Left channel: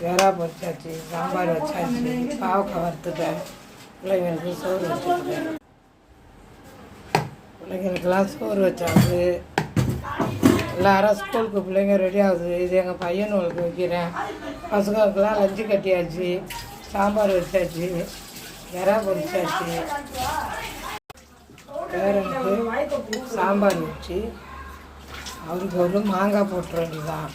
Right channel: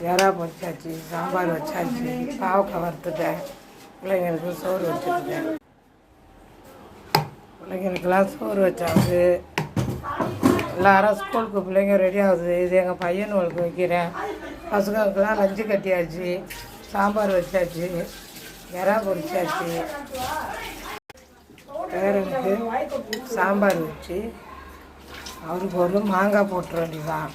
வேறா பொரிச்சாச்சு, சாம்பார் வச்சாச்சு, பாவக்காய் வறுத்துட்டேன், பிள்ளைங்களுக்கு சோறு வச்சுருக்கேன். பிள்ளைங்களுக்கெல்லாம் சோறு வச்சாச்சு. எல்லாரும் ஸ்கூலுக்கு பிள்ளைங்க ரெடி ஆகுது. இது எங்கள் பையனுங்களுக்கு வைக்கிறேன். பசங்களுக்கெல்லாம் லஞ்சு கட்டியாச்சு, சாம்பார் வச்சாச்சு, வேறா பொரிச்சாச்சு. பேரனுக்கு சாம்பார் வச்சு அவருக்கு ஒரு மாங்காய் போட்டுற வேண்டியதான்.